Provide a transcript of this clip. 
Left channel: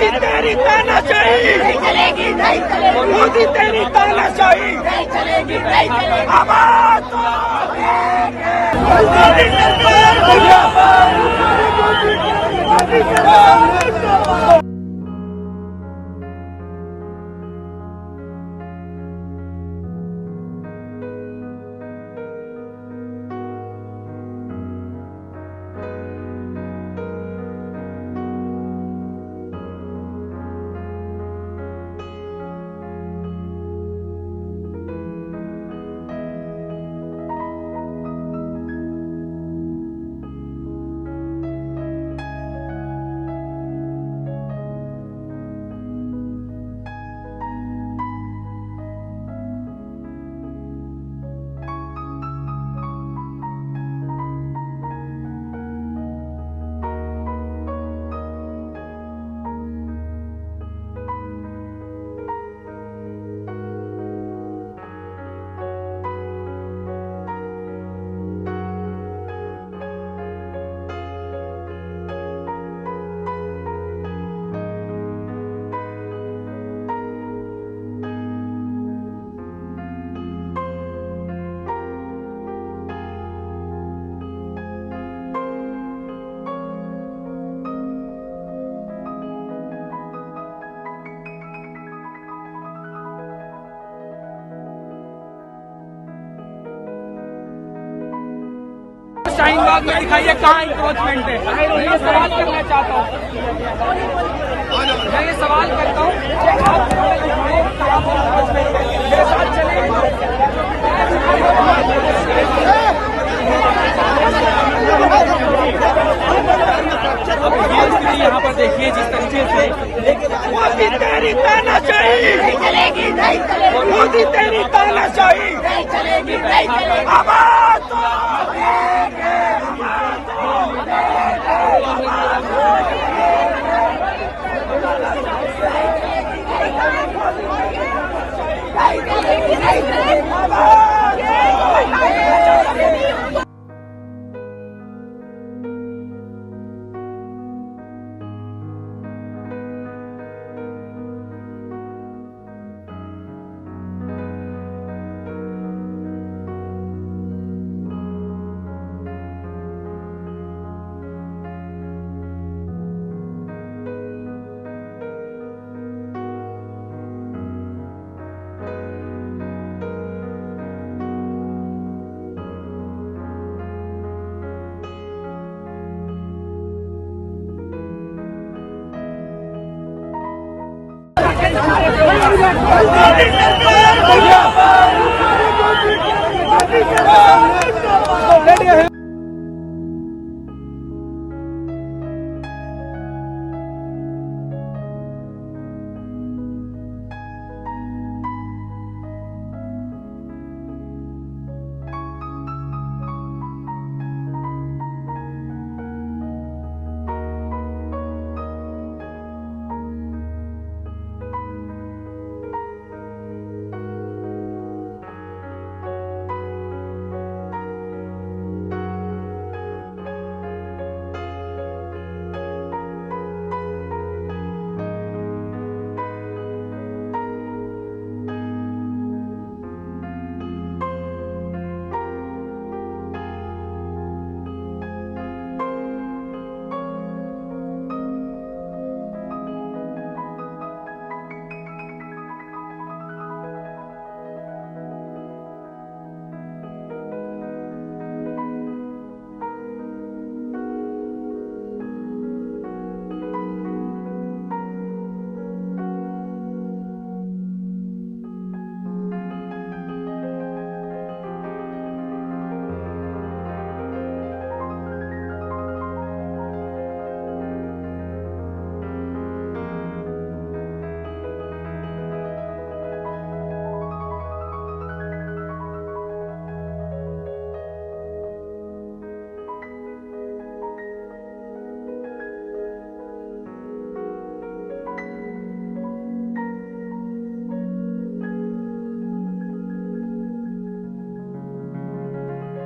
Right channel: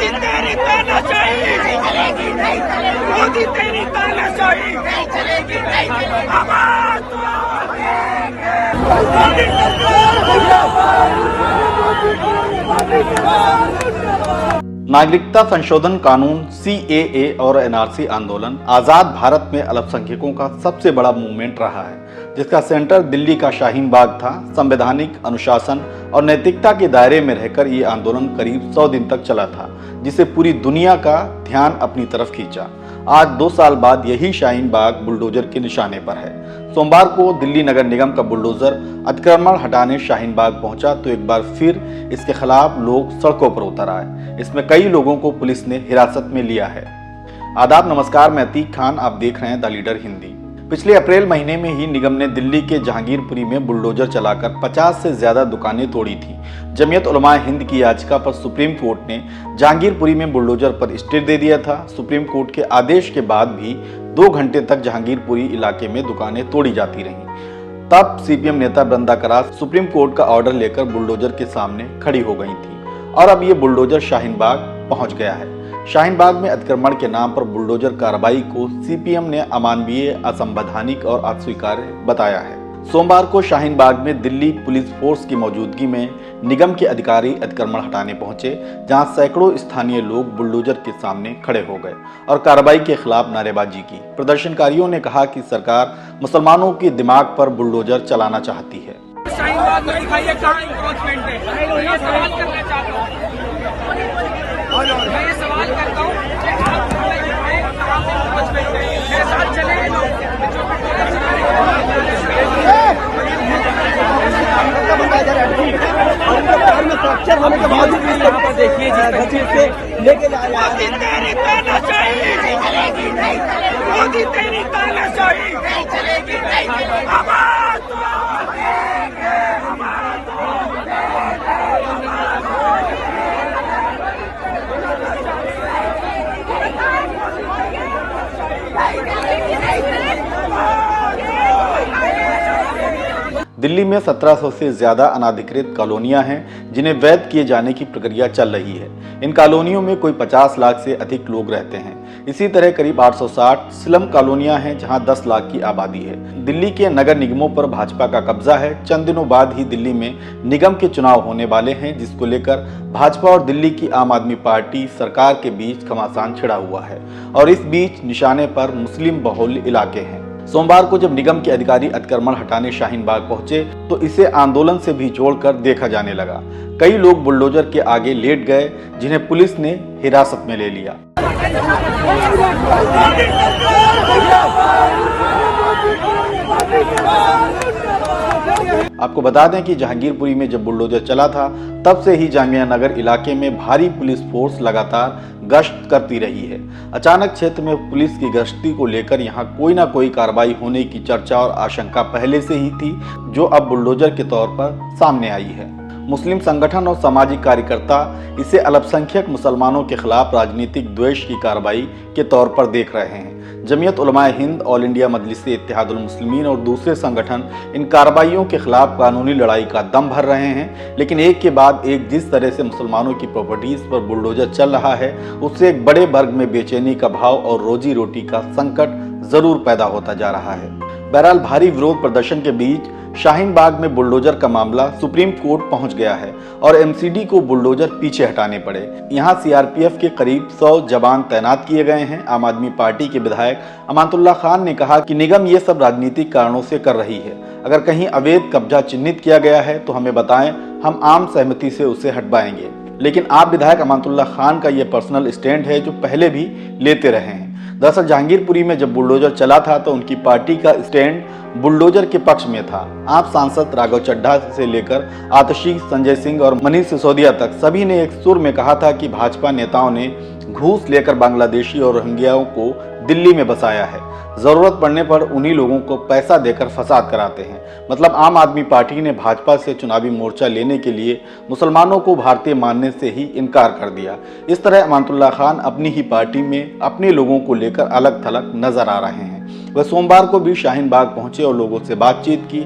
मोदी तेरी तानाशाही मोदी तेरी तानाशाही आवाज दो। मोदी सरकार नागरिकता संशोधन कानून CAA और NRC आंदोलन आजाद भारत में अल्पसंख्यकों का सबसे बड़ा मूवमेंट रहा है, जिसका सेंटर दिल्ली का शाहीन बाग था। संवैधानिक अनुशासन और नैतिकता के दायरे में रहकर ये आंदोलन करीब 100 दिन तक चला था, जिसे पूरी दुनिया का ध्यान अपनी तरफ खींचा। आज 2 साल बाद यही शाहीन बाग बुलडोजर के निशाने पर है। सोमवार को दिल्ली नगर निगम का बुलडोजर अतिक्रमण हटाने शाहीन बाग पहुंचा तो एक बार फिर इसके खिलाफ लोग सड़कों पर उतर आए। इसमें कई लोगों को पुलिस ने हिरासत में लिया है। आदाब, नमस्कार, मैं अतीक खान, आप देख रहे हैं द लीडर हिंदी। पिछले अप्रैल महीने में ही निगम ने दिल्ली के जहांगीरपुरी में बुलडोजर चलाकर 50 से ज्यादा दुकानें तोड़ी थी। जमीयत उलमा हिंद की याचिका पर सुप्रीम कोर्ट ने जहांगीरपुरी में बुलडोजर पर स्टे दे दिया था। सुप्रीम कोर्ट के आदेश के बाद भी 2 घंटे तक जहांगीरपुरी इलाके में दुकानें तोड़ी जाती रहीं। तब CPM नेता बृंदा करात सुप्रीम कोर्ट का ऑर्डर लेकर बुलडोजर के सामने खड़ी हो गई थी और अब ये बुलडोजर शाहीन बाग पहुंच गया है। शाहीन बाग में अतिक्रमण के नाम पर बुलडोजर कार्रवाई को CPM ने अमानवीय, असंवैधानिक और अस्वीकार्य बताया है। सोमवार को शाहीन बाग में दिल्ली पुलिस फोर्स की मौजूदगी में निगम के अधिकारी अतिक्रमण हटाने पहुंचे, जहां सैकड़ों स्थानीय लोग बुलडोजर के सामने खड़े हो गए और कार्रवाई के खिलाफ नारेबाजी की। प्रदर्शनकारियों ने कहा कि सरकार मुसलमानों के दिमाग पर बुलडोजर चलाना चाहती है। शाहीन बाग में दिखाइए कहाँ इंक्रोचमेंट है। मैं सवाल करना चाहता हूँ, मैं ये सवाल करता हूँ यहाँ पर देखिए जिस तरीके से मोदी तेरी तानाशाही मोदी तेरी तानाशाही आवाज दो। दिल्ली में 1700 से ज्यादा अनाधिकृत कॉलोनियां हैं, जिन्हें वैध किए जाने की प्रक्रिया चल रही है। इन कॉलोनियों में कोई 50 लाख से अधिक लोग रहते हैं। इसी तरह करीब 860 स्लम कॉलोनियां हैं, जहां 10 लाख की आबादी है। दिल्ली के नगर निगमों पर भाजपा का कब्जा है। चंद दिनों बाद ही दिल्ली में निगम के चुनाव होने वाले हैं, जिसको लेकर भाजपा और दिल्ली की आम आदमी पार्टी सरकार के बीच घमासान छिड़ा हुआ है और इस बीच निशाने पर मुस्लिम बहुल इलाके हैं। सोमवार को जब निगम के अधिकारी अतिक्रमण हटाने शाहीन बाग पहुंचे तो इसे आंदोलन से भी जोड़कर देखा जाने लगा। कई लोग बुलडोजर के आगे लेट गए, जिन्हें पुलिस ने हिरासत में ले लिया। आपको बता दें कि जहांगीरपुरी में जब बुलडोजर चला था तब से ही जामिया नगर इलाके में भारी पुलिस फोर्स लगातार गश्त करती रही है। अचानक क्षेत्र में पुलिस की गश्ती को लेकर यहां कोई ना कोई कार्रवाई होने की चर्चा और आशंका पहले से ही थी, जो अब बुलडोजर के तौर पर सामने आई है। मुस्लिम संगठन और सामाजिक कार्यकर्ता इसे अल्पसंख्यक मुसलमानों के खिलाफ राजनीतिक द्वेष की कार्रवाई के तौर पर देख रहे हैं। जमीयत उलमा हिंद, ऑल इंडिया मजलिस-ए इत्तेहादुल मुस्लिमीन और दूसरे संगठन इन कार्रवाइयों के खिलाफ कानूनी लड़ाई का दम भर रहे हैं, लेकिन एक के बाद एक जिस तरह से मुसलमानों की प्रॉपर्टीज पर बुलडोजर चल रहा है, उससे एक बड़े वर्ग में बेचैनी का भाव और रोजी रोटी का संकट जरूर पैदा होता जा रहा है। बहरहाल भारी विरोध प्रदर्शन के बीच शाहीन बाग में बुलडोजर का मामला सुप्रीम कोर्ट पहुंच गया है और MCD को बुलडोजर पीछे हटाने पड़े। यहां CRPF के करीब 100 जवान तैनात किए गए हैं। आम आदमी पार्टी के विधायक अमानतुल्लाह खान ने कहा कि निगम ये सब राजनीतिक कारणों से कर रही है। अगर कहीं अवैध कब्जा चिन्हित किया गया है तो हमें बताएं, हम आम सहमति से उसे हटवाएंगे। लेकिन आप विधायक अमानतुल्लाह खान का ये पर्सनल स्टैंड है जो पहले भी लेते रहे हैं। दरअसल जहांगीरपुरी में जब बुलडोजर चला था तो उनकी पार्टी का स्टैंड बुलडोजर के पक्ष में था। आप सांसद राघव चड्ढा से लेकर आतिशी, संजय सिंह और मनीष सिसोदिया तक सभी ने एक सुर में कहा था कि भाजपा नेताओं ने घूस लेकर बांग्लादेशी और रोहिंग्याओं को दिल्ली में बसाया है। जरूरत पड़ने पर उन्हीं लोगों को पैसा देकर फसाद कराते हैं। मतलब आम आदमी पार्टी ने भाजपा से चुनावी मोर्चा लेने के लिए मुसलमानों को भारतीय मानने से ही इनकार कर दिया। इस तरह अमानतुल्लाह खान अपनी ही पार्टी में अपने लोगों को लेकर अलग थलग नजर आ रहे हैं। वह सोमवार को भी शाहीन बाग पहुंचे और लोगों से बातचीत की।